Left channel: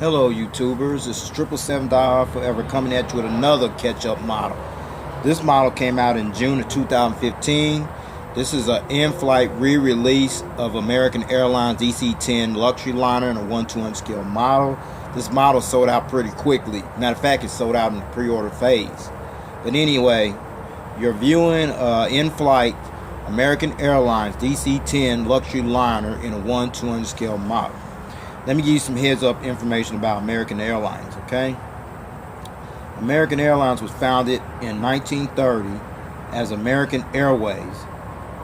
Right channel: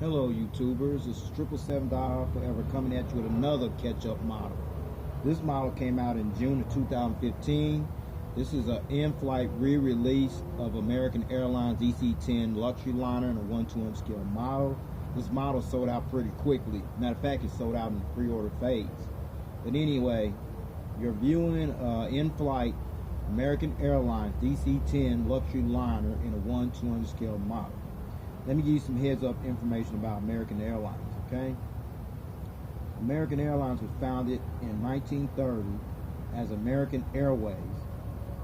Hello YouTubers, this is 777 Forever coming at you with another catch-up model. This model came out in June of 2015. This is an in-flight re-release of American Airlines DC-10 luxury liner in a 1/200 scale model. This model sold out pretty quickly. Matter of fact, it sold out in the pre-order phase. But anyway, you're viewing in-flight American Airlines DC-10 luxury liner in a 1/200 scale model. Let me give you some heads up information about American Airlines, okay? American Airlines was founded in 1930 as American Airways.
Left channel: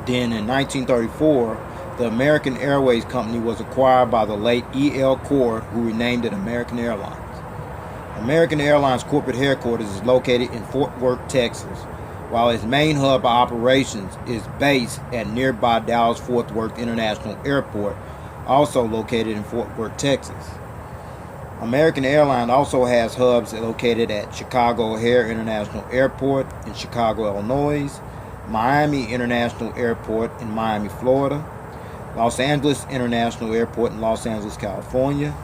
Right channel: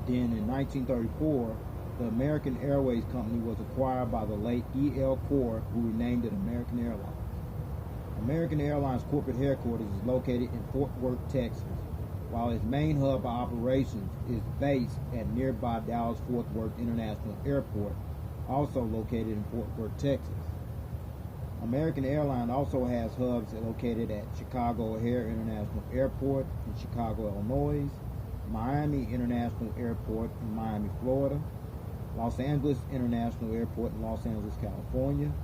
Then in 1934, the American Airways company was acquired by the late E.L. Cord, who renamed it American Airlines. American Airlines corporate headquarters is located in Fort Worth, Texas, while its main hub of operations is based at nearby Dallas-Fort Worth International Airport, also located in Fort Worth, Texas. American Airlines also has hubs located at Chicago O'Hare International Airport in Chicago, Illinois, Miami International Airport in Miami, Florida, Los Angeles International Airport in Los Angeles, California,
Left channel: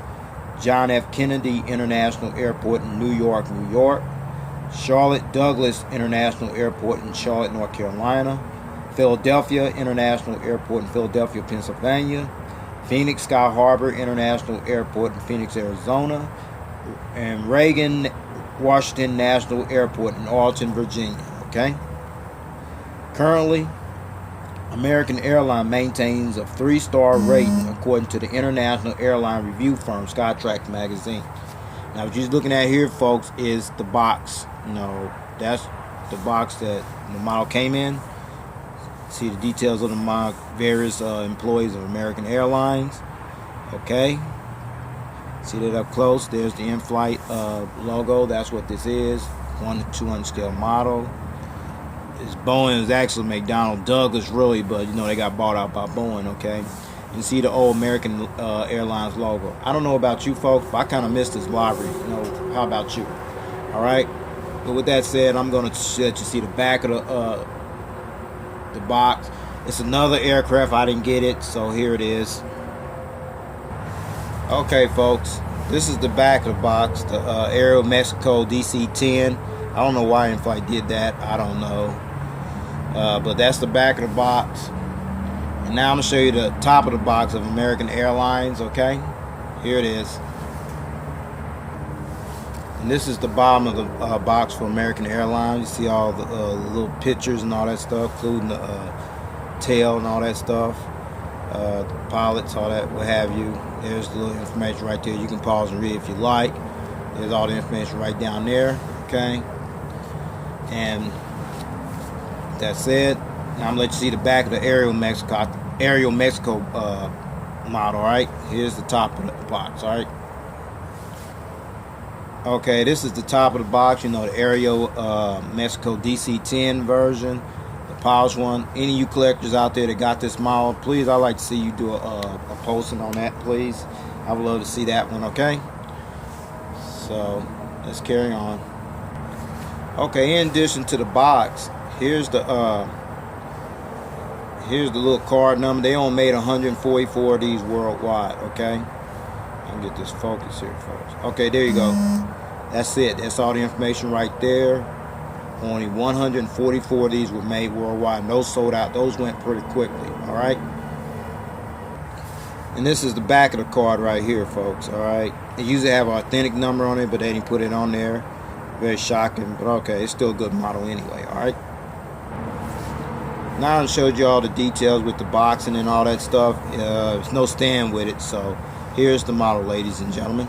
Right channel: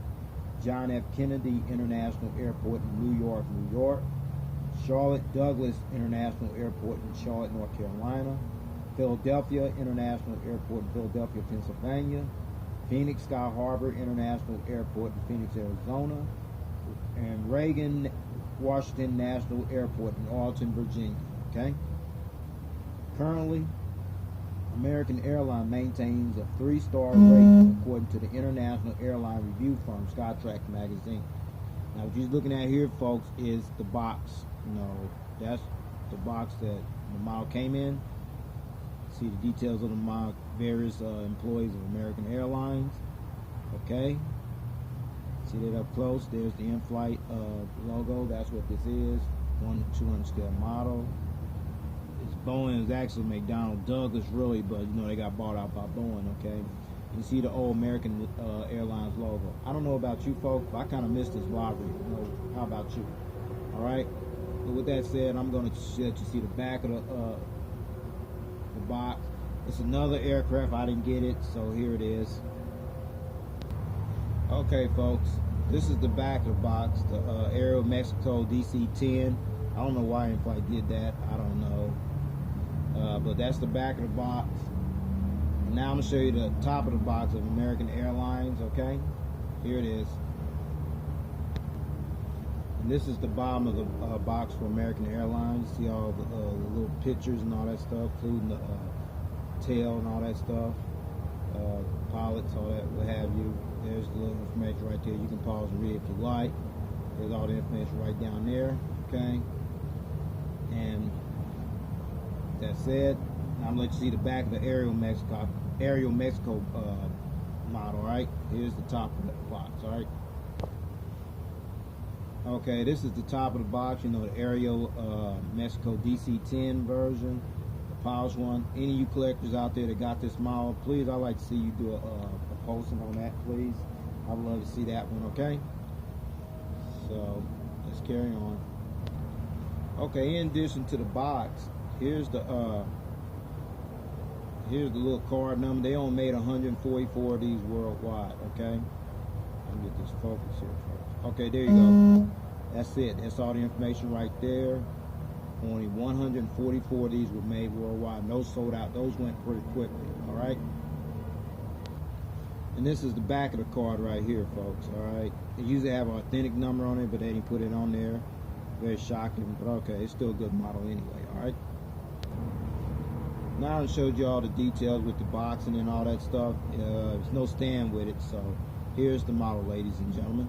John F. Kennedy International Airport in New York, New York, Charlotte Douglas International Airport in Charlotte, North Carolina, Philadelphia International Airport in Philadelphia, Pennsylvania, Phoenix Sky Harbor International Airport in Phoenix, Arizona, and Reagan Washington National Airport in Arlington, Virginia, okay? Currently, American Airlines maintains a 3-star rating according to the international airline review firm Skytrax magazine. Now, what you're looking at here, folks, is the box. That's the box that the model came in. See the details of the various employees of American Airlines. Okay. See that up close. There's the in-flight logo. That's what this is. 1/200 scale model. It's Boeing is actually McDonnell Douglas, really, but they got bought out by Boeing. Okay. You see the old American Airlines logo. I don't know about you folks, but I kind of miss this library. How about you? All right. But with that said, I'm going to let you see the back of the box. It's another aircraft. I didn't get it, so here it is. Okay, folks, this is the back of the box, the Aeromexico DC-10. I don't know why Inflight did that. I don't know, but that's the back of the box. And now I'm gonna show you the top of the box of American Airlines. Okay, here it is. And this is the bottom of the box for American Airlines. You see all the little pictures and all that stuff, including the tail and all that stuff, the pilots, all that, what have you. There's the little information right there. You can pause and read if you like. There's all the information right down there. Okay. And that's it. Now I'm gonna let you see the back of the Aeromexico model. All right. Here's the top of the box. All right. Okay, this is the top of the box. The Aeromexico DC-10 version, the polished one. Any of you collectors out there that got this model, please, I'd like to see you do a posting on that, please. I would love to see that one. Okay. So let's carry on. Okay, in addition to the box, here's the little card number. They only made 144 of these worldwide. Okay. Let me get this focus here, folks. Okay, there you go. That's it. That's all the information right there. Only 144 of these were made worldwide. And those sold out. Those went pretty quickly. All right. And this is the back of the card right here, folks. All right. It usually have an authentic number on it, but they didn't put it on there. Very shocking, but okay. It's still a good model anyway. All right. Now I showed you all the details with the boxing and all that stuff. There's no stand with it, so here's the model, ladies and gentlemen.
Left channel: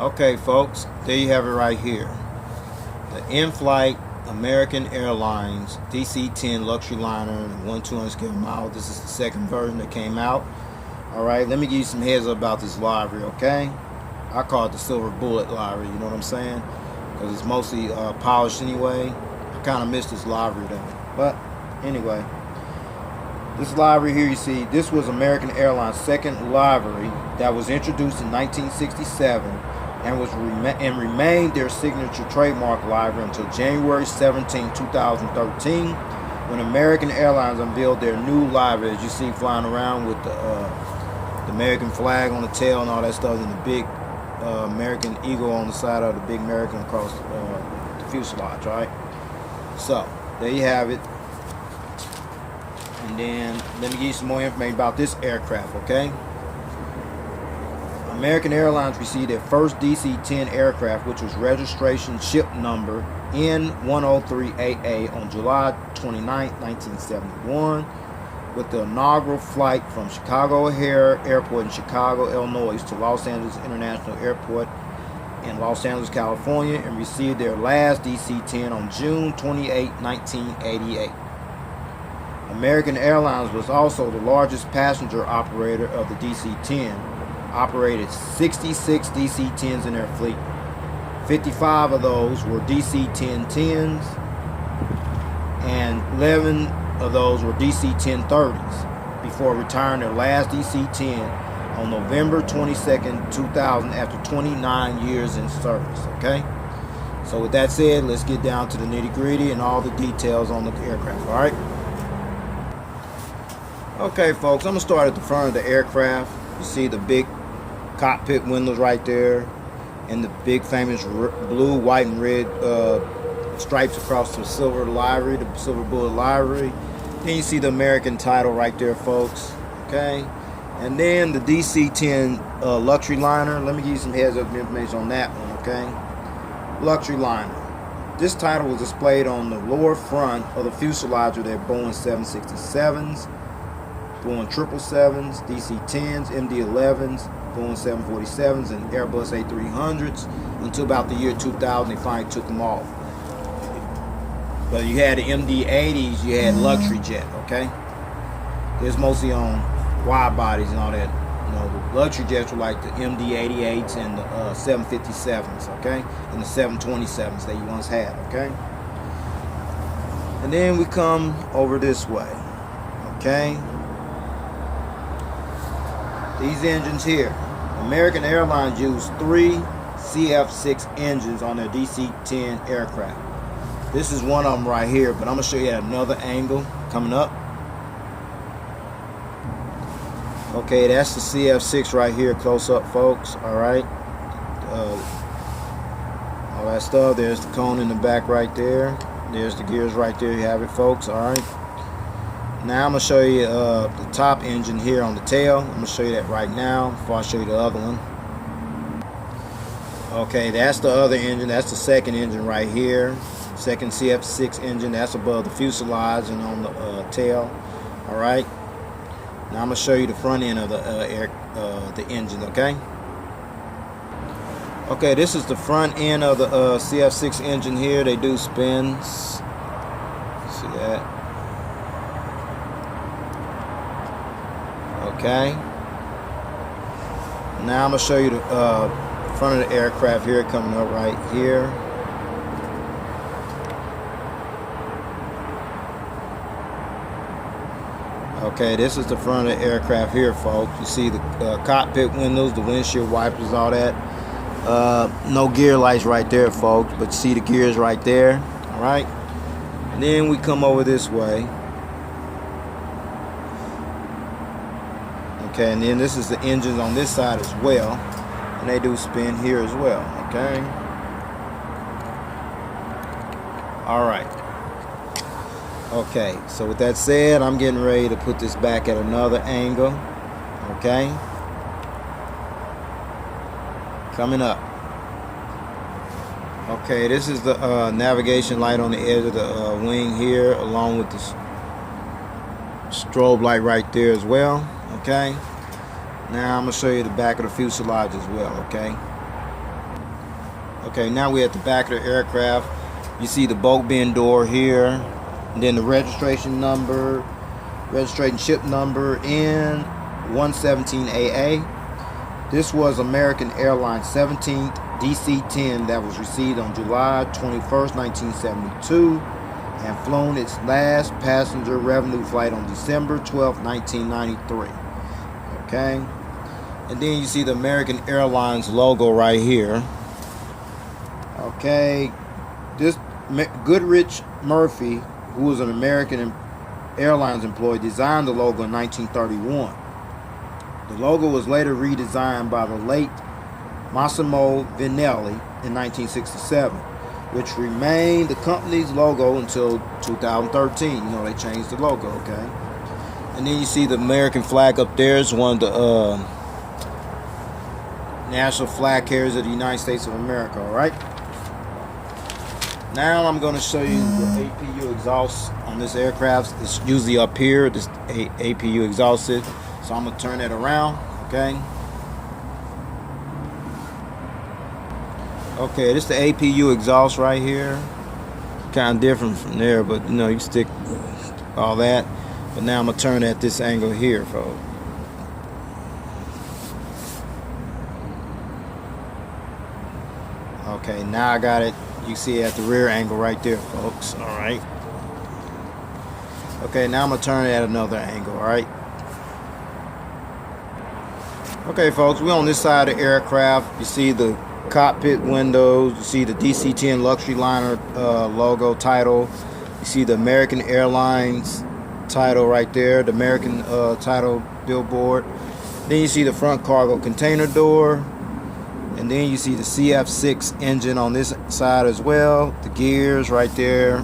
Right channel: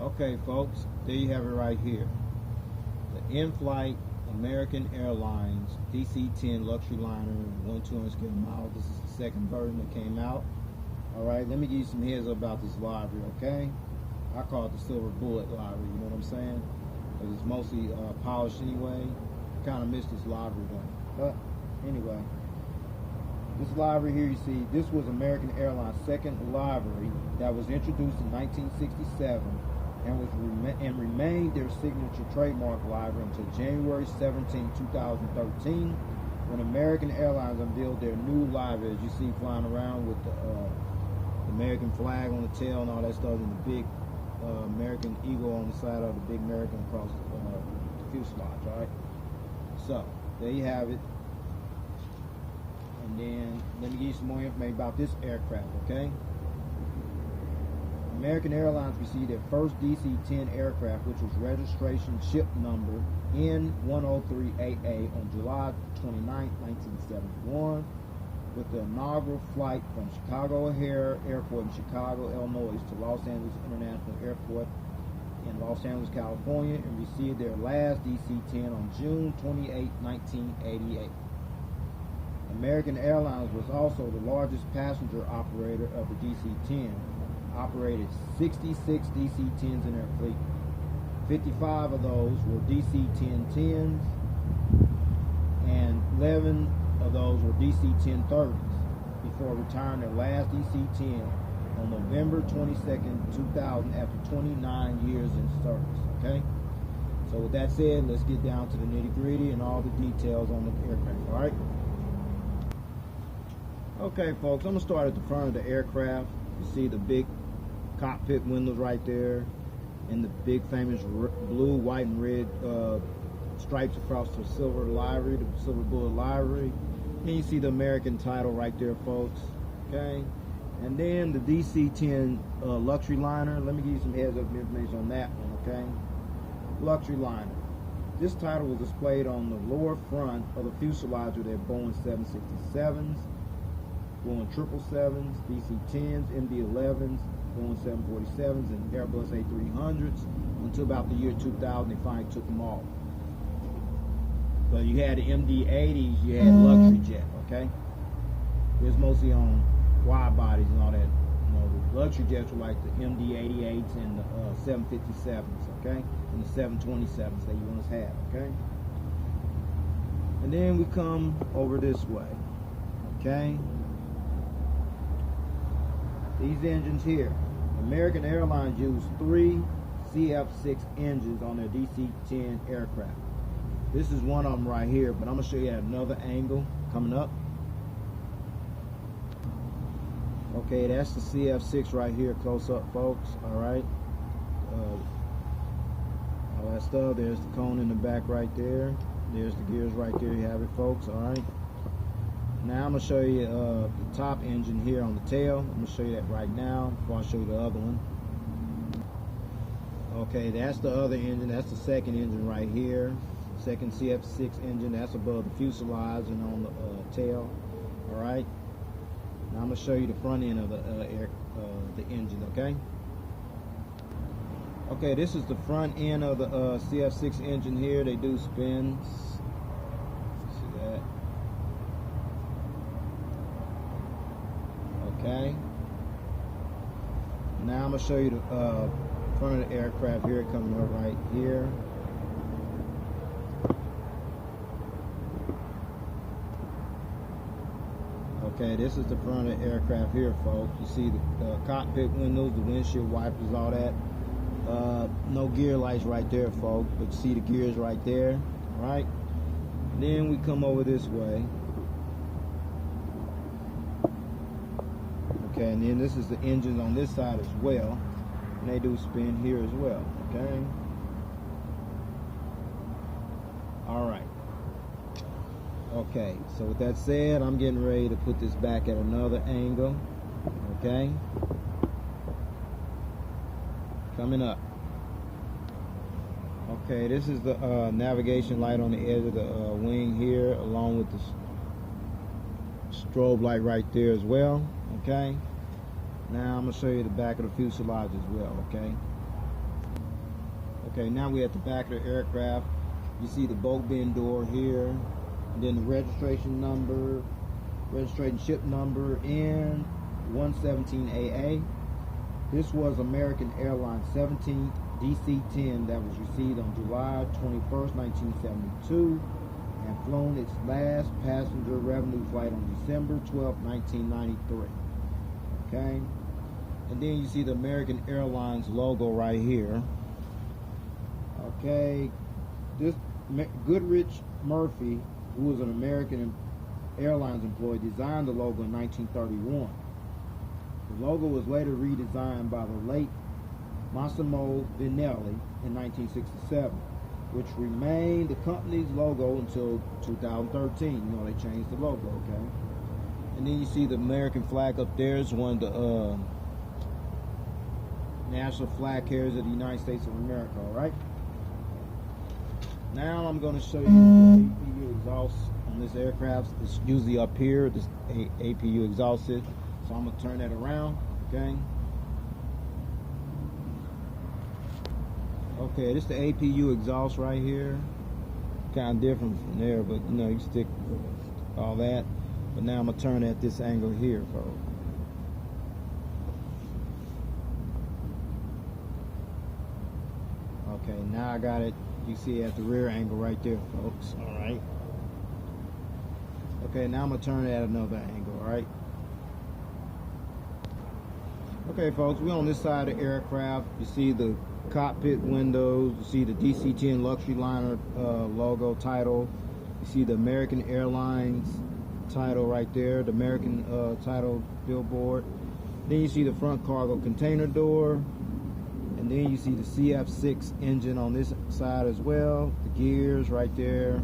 Okay, folks, there you have it right here. The in-flight American Airlines DC-10 luxury liner, 1/200 scale model. This is the second version that came out. All right, let me give you some heads up about this livery, okay? I call it the silver bullet livery, you know what I'm saying? Because it's mostly polished anyway. I kind of miss this livery though. But anyway. This livery here, you see, this was American Airlines' second livery that was introduced in 1967 and remained their signature trademark livery until January 17, 2013, when American Airlines unveiled their new livery, as you see flying around with the the American flag on the tail and all that stuff, and the big American eagle on the side of the big American across the fuselage, right? So there you have it. And then let me give you some more information about this aircraft, okay? American Airlines received their first DC-10 aircraft, which was registration ship number N103AA on July 29, 1971, with the inaugural flight from Chicago O'Hare Airport in Chicago, Illinois to Los Angeles International Airport in Los Angeles, California, and received their last DC-10 on June 28, 1988. American Airlines was also the largest passenger operator of the DC-10, operated 66 DC-10s in their fleet. 55 of those were DC-10-10s, and 11 of those were DC-10-30s, before retiring their last DC-10 on November 22nd, 2000, after 29 years in service, okay? So with that said, let's get down to the nitty-gritty and all the details on the aircraft, all right? Okay, folks, I'm going to start at the front of the aircraft. You see the big cockpit windows right there, and the big famous blue, white, and red stripes across the silver livery, the silver bullet livery. Then you see the American title right there, folks, okay? And then the DC-10 luxury liner. Let me give you some heads up information on that one, okay? Luxury liner. This title was displayed on the lower front of the fuselage of their Boeing 767s, Boeing 777s, DC-10s, MD-11s, Boeing 747s, and Airbus A300s until about the year 2000. They finally took them off. But you had the MD-80s, you had luxury jet, okay? It's mostly on wide bodies and all that. You know, the luxury jets were like the MD-88s and the 757s, okay? And the 727s that you once had, okay? And then we come over this way, okay? These engines here. American Airlines used 3 CF6 engines on their DC-10 aircraft. This is one of them right here, but I'm going to show you at another angle coming up. Okay, that's the CF6 right here, close up, folks. All right. All that stuff. There's the cone in the back right there. There's the gears right there. You have it, folks. All right. Now I'm going to show you the top engine here on the tail. I'm going to show you that right now before I show you the other one. Okay, that's the other engine. That's the second engine right here. Second CF6 engine. That's above the fuselage and on the tail. All right. Now I'm going to show you the front end of the engine, okay? Okay, this is the front end of the CF6 engine here. They do spins. See that? Okay. Now I'm going to show you the front of the aircraft here coming up right here. Okay, this is the front of the aircraft here, folks. You see the cockpit windows, the windshield wipers, all that. No gear lights right there, folks, but you see the gears right there. All right. And then we come over this way. Okay, and then this is the engines on this side as well, and they do spin here as well. Okay. All right. Okay, so with that said, I'm getting ready to put this back at another angle. Okay. Coming up. Okay, this is the navigation light on the edge of the wing here, along with the strobe light right there as well. Okay. Now I'm going to show you the back of the fuselage as well. Okay. Okay, now we're at the back of the aircraft. You see the bolt bin door here. And then the registration number, registration ship number N117AA. This was American Airlines 17th DC-10 that was received on July 21st, 1972, and flown its last passenger revenue flight on December 12th, 1993. Okay, and then you see the American Airlines logo right here. Okay, this Goodrich Murphy, who was an American Airlines employee, designed the logo in 1931. The logo was later redesigned by the late Massimo Vignelli in 1967, which remained the company's logo until 2013. You know, they changed the logo, okay? And then you see the American flag up there is one of the national flag carriers of the United States of America, all right? Now I'm going to show you the APU exhaust on this aircraft. It's usually up here, this APU exhaust is. So I'm going to turn it around, okay? Okay, this is the APU exhaust right here. Kind of different from there, but you know, you stick all that. But now I'm going to turn at this angle here, folks. Okay, now I got it. You see it at the rear angle right there, folks. All right. Okay, now I'm going to turn it at another angle, all right? Okay, folks, we're on this side of the aircraft. You see the cockpit windows. You see the DC-10 luxury liner logo title. You see the American Airlines title right there, the American title billboard. Then you see the front cargo container door. And then you see the CF6 engine on this side as well. The gears right there.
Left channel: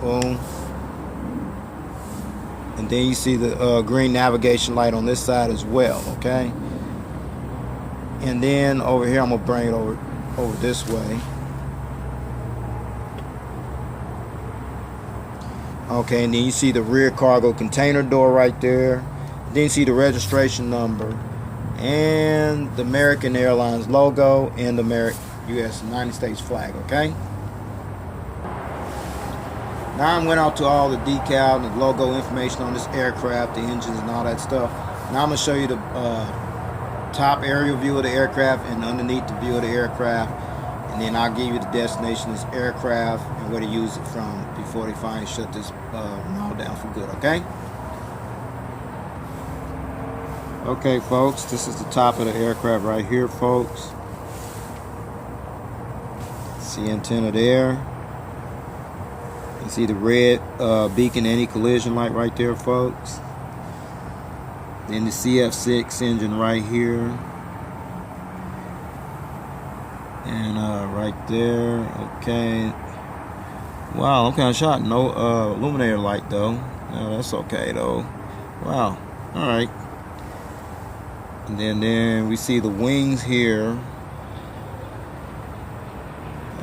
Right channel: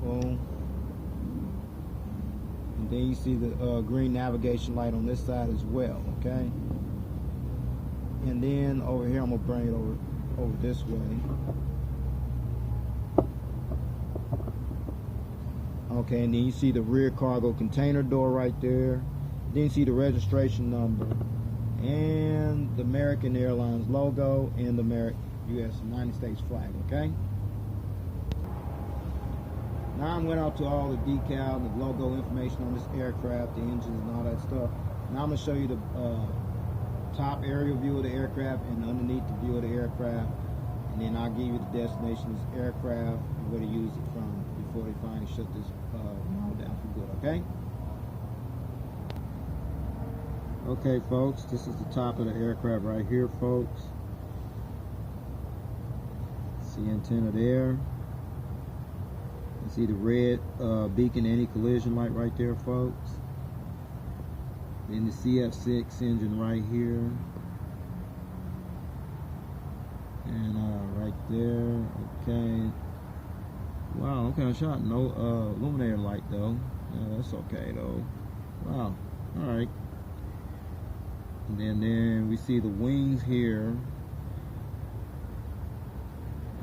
Boom. And then you see the green navigation light on this side as well, okay? And then over here, I'm gonna bring it over this way. Okay, and then you see the rear cargo container door right there. Then you see the registration number and the American Airlines logo and the United States flag, okay? Now I'm going out to all the decal and the logo information on this aircraft, the engines and all that stuff. Now I'm going to show you the top aerial view of the aircraft and underneath the view of the aircraft. And then I'll give you the destination of this aircraft and where to use it from before they finally shut this model down for good, okay? Okay, folks, this is the top of the aircraft right here, folks. See antenna there. You see the red beacon anti-collision light right there, folks. Then the CF6 engine right here. And right there, okay. Wow, I'm kind of shocked. No illuminator light though. No, that's okay though. Wow, all right. And then we see the wings here.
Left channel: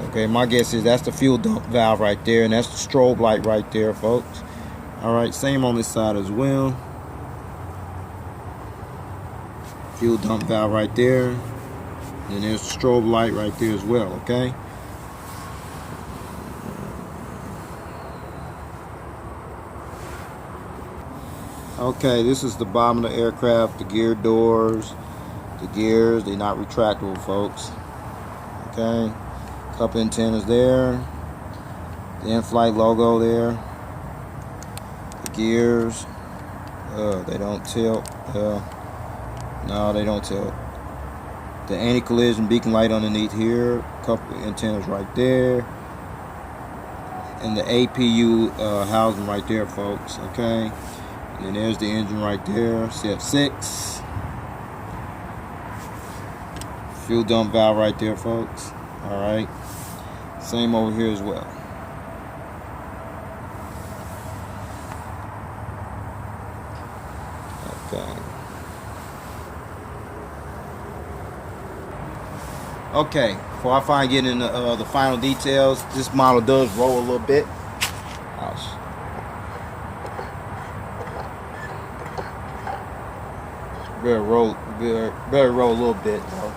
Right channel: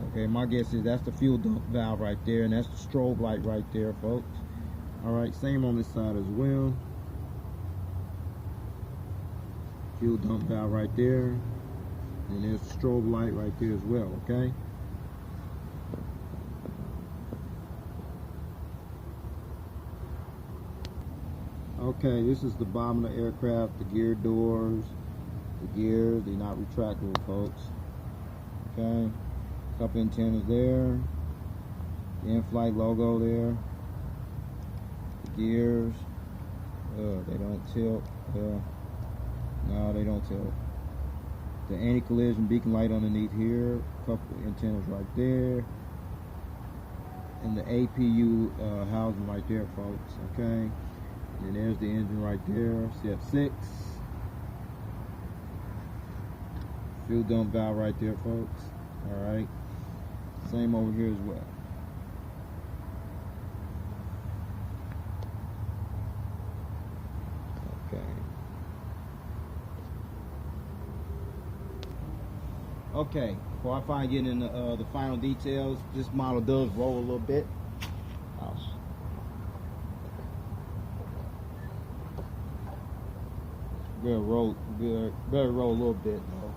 Okay, my guess is that's the fuel dump valve right there, and that's the strobe light right there, folks. All right, same on this side as well. Fuel dump valve right there. And there's the strobe light right there as well, okay? Okay, this is the bottom of the aircraft, the gear doors, the gears, they're not retractable, folks. Okay, couple antennas there, the Inflight logo there, the gears, they don't tilt, no, they don't tilt. The anti-collision beacon light underneath here, couple antennas right there, and the APU housing right there, folks, okay? And there's the engine right there, CF6. Fuel dump valve right there, folks. All right. Same over here as well. Okay. Okay. Before I finally get into the final details, this model does roll a little bit. Ouch. Better roll a little bit though.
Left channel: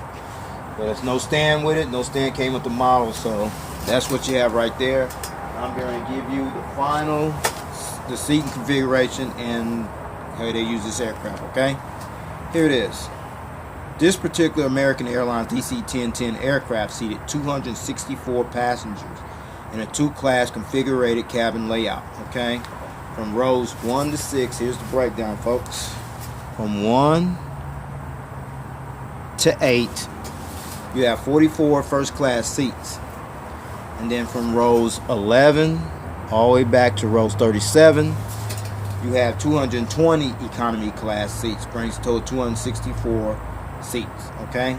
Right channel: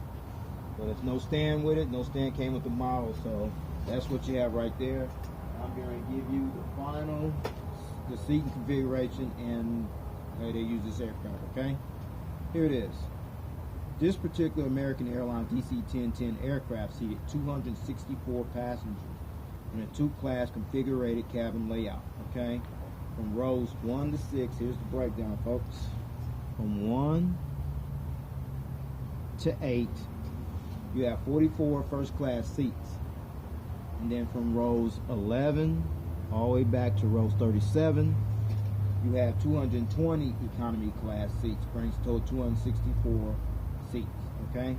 But there's no stand with it. No stand came with the model, so that's what you have right there. I'm going to give you the seating configuration and how they use this aircraft. Okay, here it is. This particular American Airlines DC 1010 aircraft seated 264 passengers in a two-class configured cabin layout. Okay, from rows 1 to 6. Here's the breakdown, folks. From 1 to 8, you have 44 first class seats. And then from rows 11 all the way back to rows 37, You have 220 economy class seats, brings a total of 264 seats. Okay.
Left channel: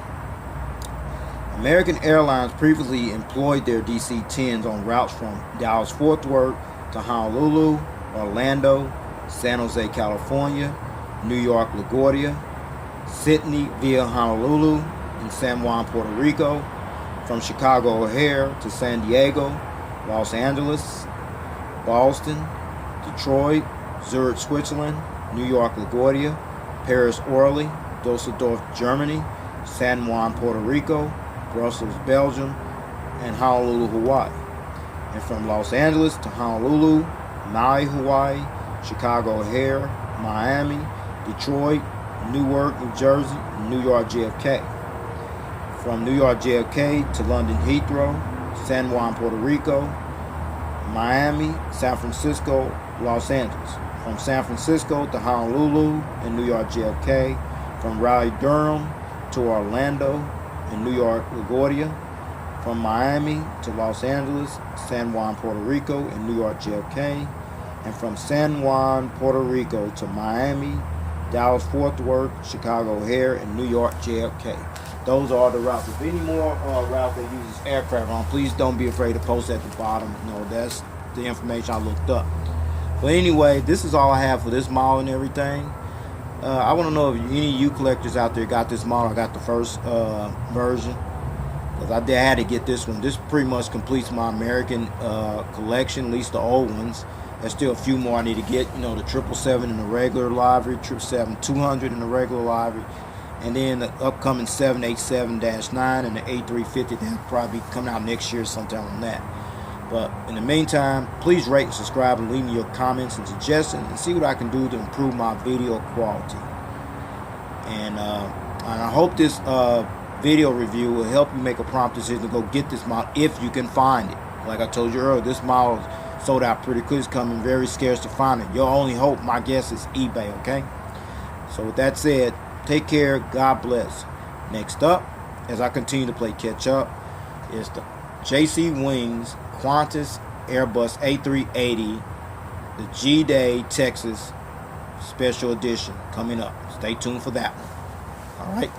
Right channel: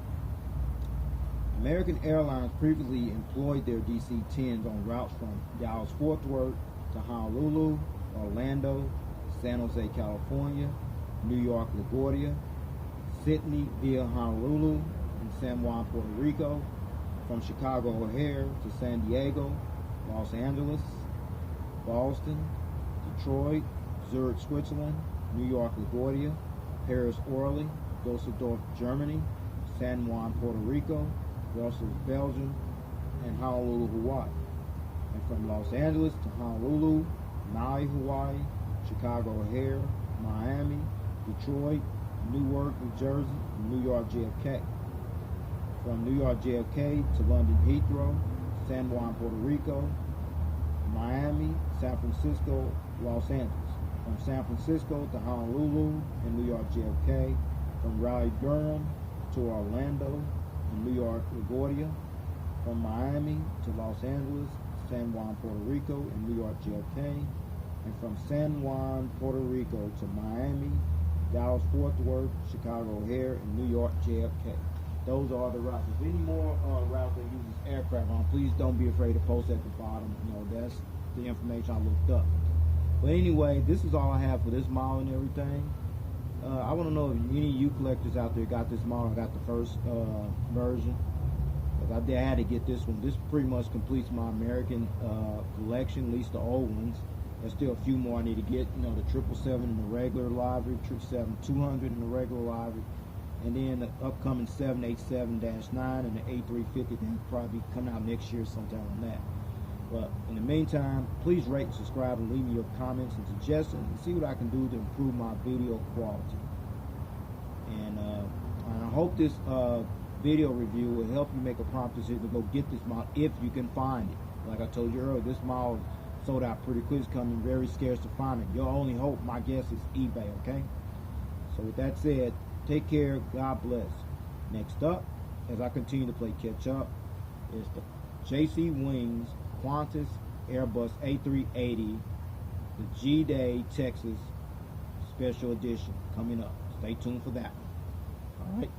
American Airlines previously employed their DC-10s on routes from Dallas-Fort Worth to Honolulu, Orlando, San Jose, California, New York, LaGuardia, Sydney via Honolulu, and San Juan, Puerto Rico, from Chicago O'Hare to San Diego, Los Angeles, Boston, Detroit, Zurich, Switzerland, New York, LaGuardia, Paris, Orly, Dusseldorf, Germany, San Juan, Puerto Rico, Brussels, Belgium, and Honolulu, Hawaii. And from Los Angeles to Honolulu, Maui, Hawaii, Chicago O'Hare, Miami, Detroit, Newark, New Jersey, and New York JFK. From New York JFK to London Heathrow, San Juan, Puerto Rico, Miami, San Francisco, Los Angeles. From San Francisco to Honolulu and New York JFK. From Raleigh-Durham to Orlando and New York LaGuardia. From Miami to Los Angeles, San Juan, Puerto Rico, and New York JFK. And from San Juan, Puerto Rico to Miami, Dallas-Fort Worth, Chicago O'Hare, and New York JFK. Those are the routes. If any more routes that uses aircraft on, please don't be afraid to post at the bottom. You know, that's the information I looked up. But anyway, this is all I have for this model and everything. I want to know if any of you collectors out there got this model. I got the first version, because I had to get this one. This pretty much completes my American collection, at least the old ones. There's still a few more I need to get. You know, the 777 in the regular livery, 777-200 in the regular livery, and then the upcoming 787-9 and the A350 that'll probably be coming out next year sometime on that. But in the meantime, please rate and subscribe and leave me your comments and suggestions and see what I can do to improve my video quality. And I hope this video review will help you make a prompt decision to go get this model if you can find it. Like I told you earlier, this model sold out pretty quick. It's coming very scarce to find it. Your only hope, my guess, is eBay, okay? So with that said, take care. God bless. Next up, as I continue to play catch up, is the JC Wings Qantas Airbus A380, the G-Day Texas Special Edition coming up. Stay tuned for that one. All right.